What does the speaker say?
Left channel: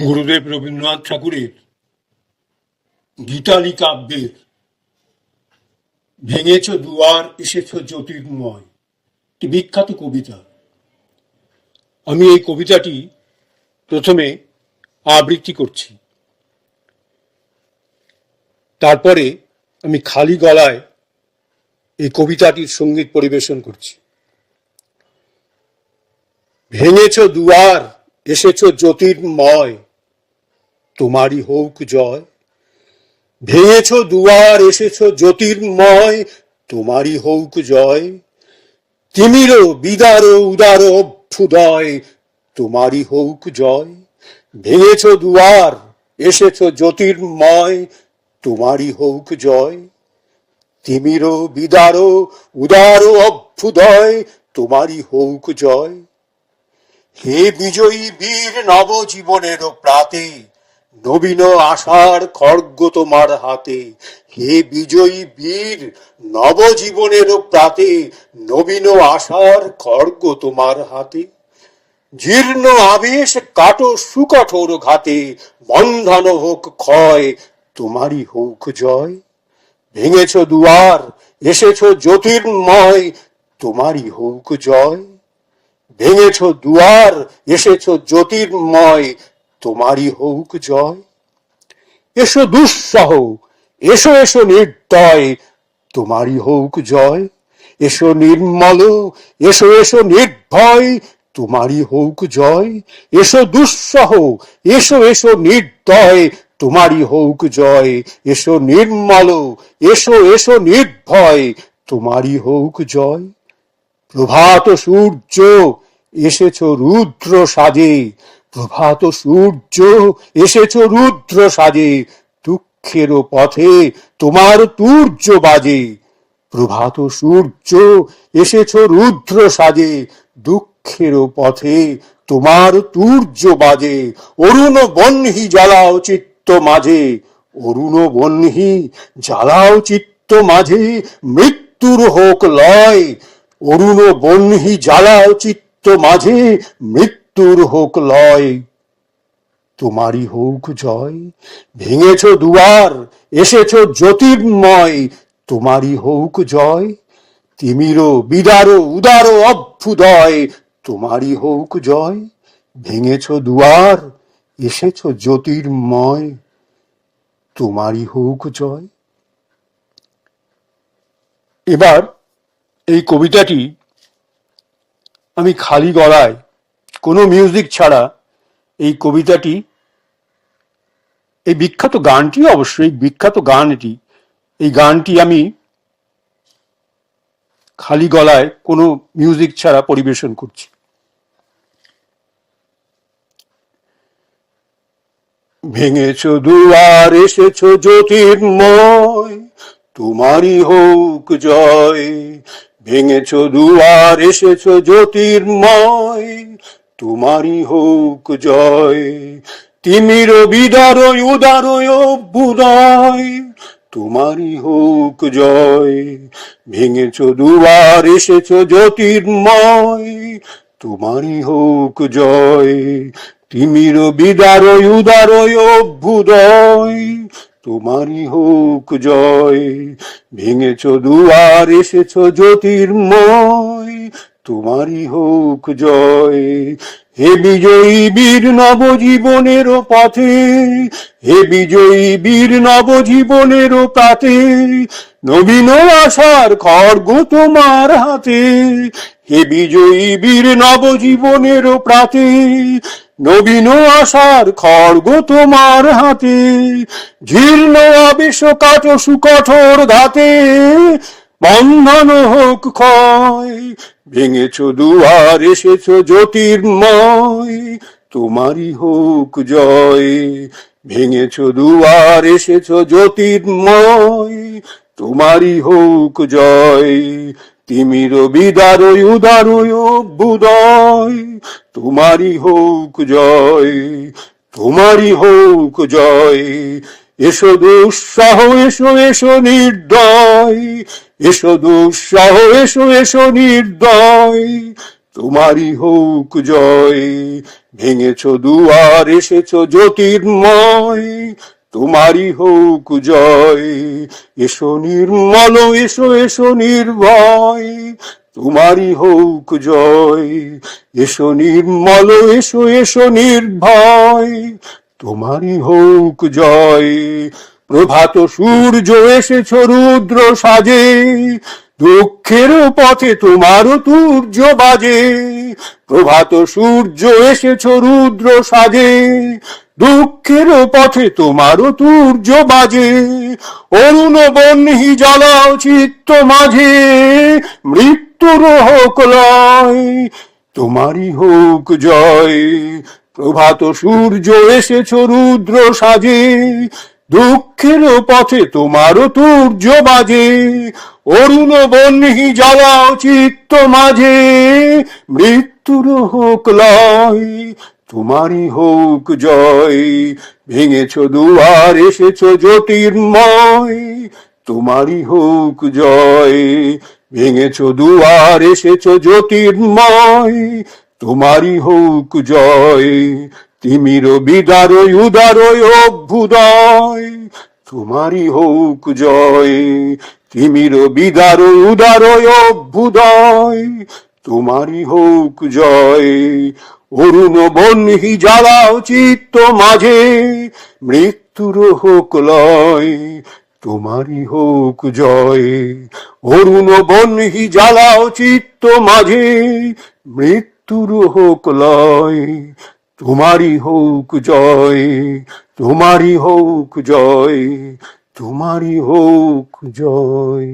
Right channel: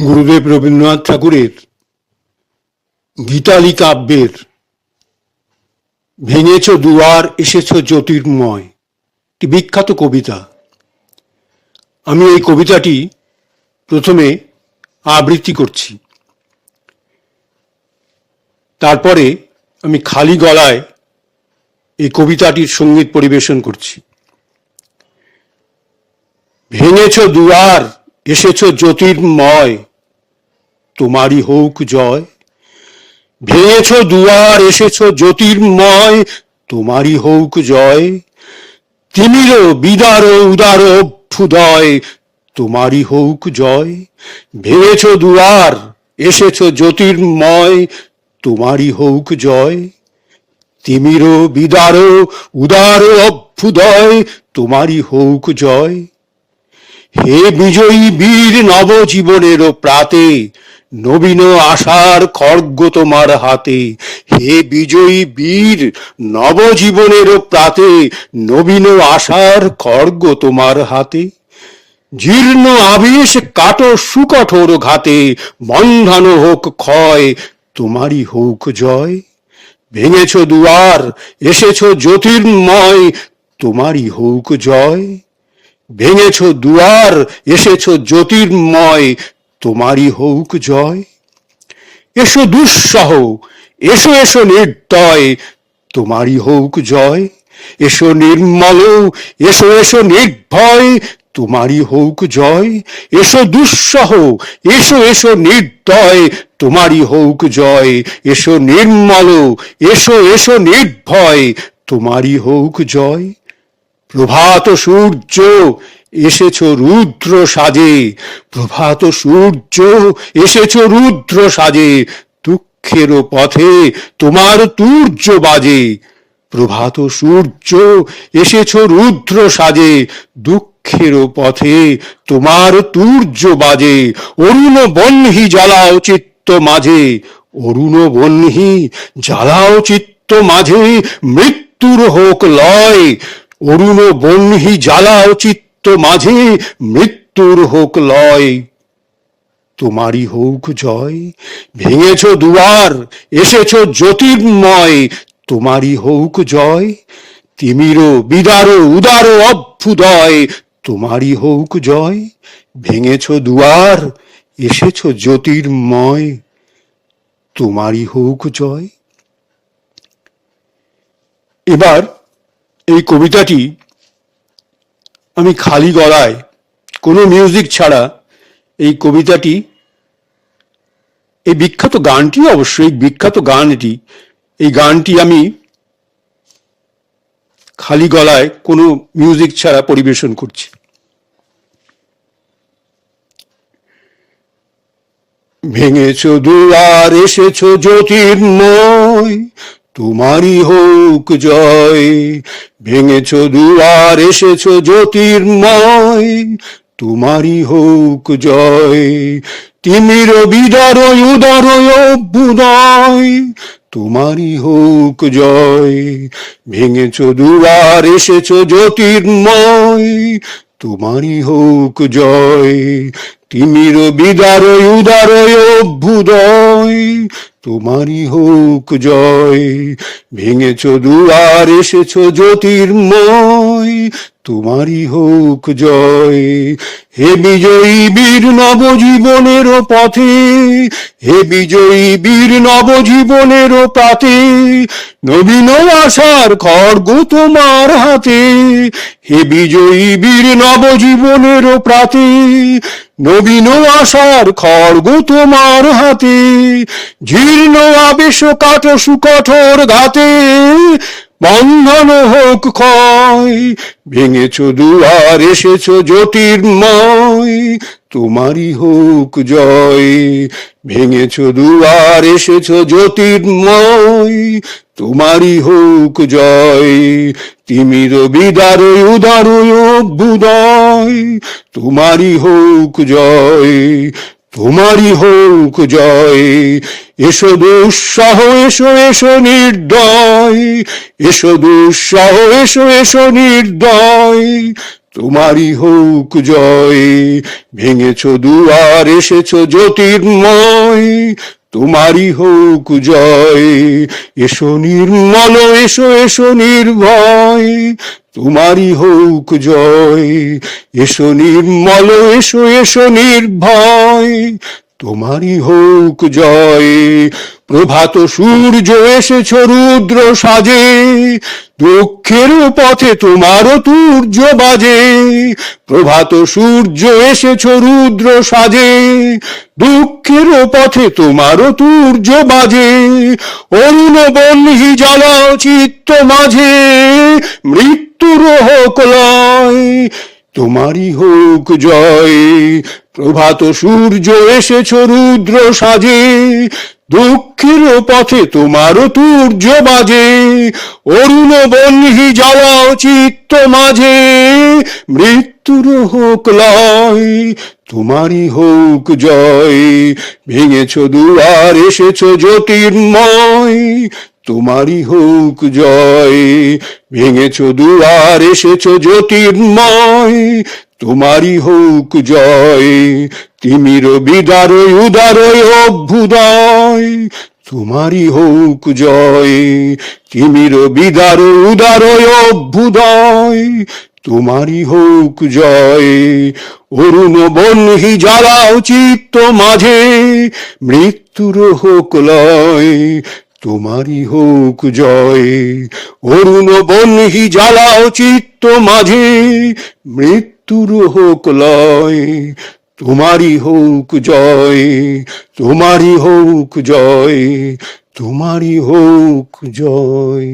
গুরুদেব রবীন্দ্রনাথ ঠাকুরের গীতালি কাব্যের ভেঙেছ দুয়ার এসেছ জ্যোতির্ময় একটি বিখ্যাত কবিতা। আমি এই কবিতাটি প্রথমে আবৃত্তি করছি, তারপরে আমি খালি গলায় এই কবিতাটির সঙ্গীত পরিবেশন করছি। ভেঙেছ দুয়ার এসেছ জ্যোতির্ময়, তোমারই হোক জয়। ভেঙেছ দুয়ার এসেছ জ্যোতির্ময়, তোমারই হোক জয়। তিমির বিদার উদার অভ্যুদয়, তোমারই হোক জয়। ভেঙেছ দুয়ার এসেছ জ্যোতির্ময়, তোমারই হোক জয়। তিমির বিদার উদার অভ্যুদয়, তোমারই হোক জয়। হে বিজয়ী বীর নবজীবনের প্রাতে, নবীন আশার খড়গ তোমার হাতে। হে বিজয়ী বীর নবজীবনের প্রাতে, নবীন আশার খড়গ তোমার হাতে। জীর্ণ আবেশ কাটো সুকঠোর ঘাতে, বন্ধানো হোক ক্ষয়, তোমারই হোক জয়। ভেঙেছ দুয়ার এসেছ জ্যোতির্ময়, তোমারই হোক জয়। ভেঙেছ দুয়ার এসেছ জ্যোতির্ময়, তোমারই হোক জয়। এসো দুঃসহ এসো এসো নির্দয়, তোমারই হোক জয়। এসো নির্মল এসো এসো নির্ভয়, তোমারই হোক জয়। এসো দুঃসহ এসো এসো নির্দয়, তোমারই হোক জয়। এসো নির্মল এসো এসো নির্ভয়, তোমারই হোক জয়। প্রভাত সূর্য এসেছ রুদ্র সাজে, প্রভাত সূর্য এসেছ রুদ্র সাজে। দুঃখের পথে তোমার তুর্য বাজে, প্রভাত সূর্য এসেছ রুদ্র সাজে। দুঃখের পথে তোমার তুর্য বাজে। অরুণ বহ্নি জ্বালাও চিত্ত মাঝে, অরুণ বহ্নি জ্বালাও চিত্ত মাঝে। মৃত্যুর হোক লয়, অরুণ বহ্নি জ্বালাও চিত্ত মাঝে। মৃত্যুর হোক লয়, তোমারই হোক জয়। ভেঙেছ দুয়ার এসেছ জ্যোতির্ময়, তোমারই হোক জয়। তিমির বিদার উদার অভ্যুদয়, তোমারই হোক জয়। ভেঙেছ দুয়ার এসেছ জ্যোতির্ময়, তোমারই হোক জয়। এবার এই কবিতাটি আমি খালি গলায় কোনো মিউজিক ছাড়া এই কবিতাটি, এই বিখ্যাত গানটি, অবশ্যই বিখ্যাত গান এটি, এই গানটি আমি খালি গলায় কোনো মিউজিক ছাড়া পরিবেশন করছি। ভেঙেছ দুয়ার এসেছ জ্যোতির্ময়, তোমারই হোক জয়। ভেঙেছ দুয়ার এসেছ জ্যোতির্ময়, তোমারই হোক জয়। তিমির বিদার উদার অভ্যুদয়, তোমারই হোক জয়। ভেঙেছ দুয়ার এসেছ জ্যোতির্ময়, তোমারই হোক জয়। তিমির বিদার উদার অভ্যুদয়, তোমারই হোক জয়। ভেঙেছ দুয়ার এসেছ জ্যোতির্ময়, তোমারই হোক জয়। হে বিজয়ী বীর নবজীবনের পথে, হে বিজয়ী বীর নবজীবনের প্রাতে। নবীন আশার খড়গ তোমার হাতে, হে বিজয়ী বীর নবজীবনের প্রাতে। নবীন আশার খড়গ তোমার হাতে। জীর্ণ আবেশ কাটো সুকঠোর ঘাতে, বন্ধানো হোক ক্ষয়। ভেঙেছ দুয়ার এসেছ জ্যোতির্ময়, তোমারই হোক জয়। ভেঙেছ দুয়ার এসেছ জ্যোতির্ময়, তোমারই হোক জয়। তিমির বিদার উদার অভ্যুদয়, তোমারই হোক জয়। তোমারই হোক জয়। এসো দুঃসহ এসো এসো নির্দয়, এসো দুঃসহ এসো এসো নির্দয়, তোমারই হোক জয়। ভেঙেছ দুয়ার, এসেছ জ্যোতির্ময়, তোমারই হোক জয়। এসো নির্মল, এসো এসো নির্ভয়, তোমারই হোক জয়। এসো নির্মল, এসো এসো নির্ভয়, তোমারই হোক জয়। প্রভাত সূর্য এসেছ রুদ্র সাজে, দুঃখের পথে তোমার তুর্য বাজে। প্রভাত সূর্য এসেছ রুদ্র সাজে, দুঃখের পথে তোমার তুর্য বাজে। অরুণ বহ্নি জ্বালাও চিত্ত মাঝে, মৃত্যুর হোক লয়, তোমারই হোক জয়। প্রভাত সূর্য এসেছ রুদ্র সাজে, দুঃখের পথে তোমার তুর্য বাজে। অরুণ বহ্নি জ্বালাও চিত্ত মাঝে, মৃত্যুর হোক লয়, তোমারই হোক জয়। ভেঙেছ দুয়ার, এসেছ জ্যোতির্ময়, তোমারই হোক জয়। ভেঙেছ দুয়ার, এসেছ জ্যোতির্ময়, তোমারই হোক জয়। তিমির বিদারয় উদারয় অভ্যুদয়, তোমারই হোক জয়। তিমির বিদারয় উদারয় অভ্যুদয়, তোমারই হোক জয়। অরুণ বহ্নি জ্বালাও চিত্ত মাঝে, মৃত্যুর হোক লয়, তোমারই হোক জয়। অরুণ বহ্নি জ্বালাও চিত্ত মাঝে, মৃত্যুর হোক লয়, তোমারই হোক জয়। তোমারই হোক জয়, তোমারই হোক জয়।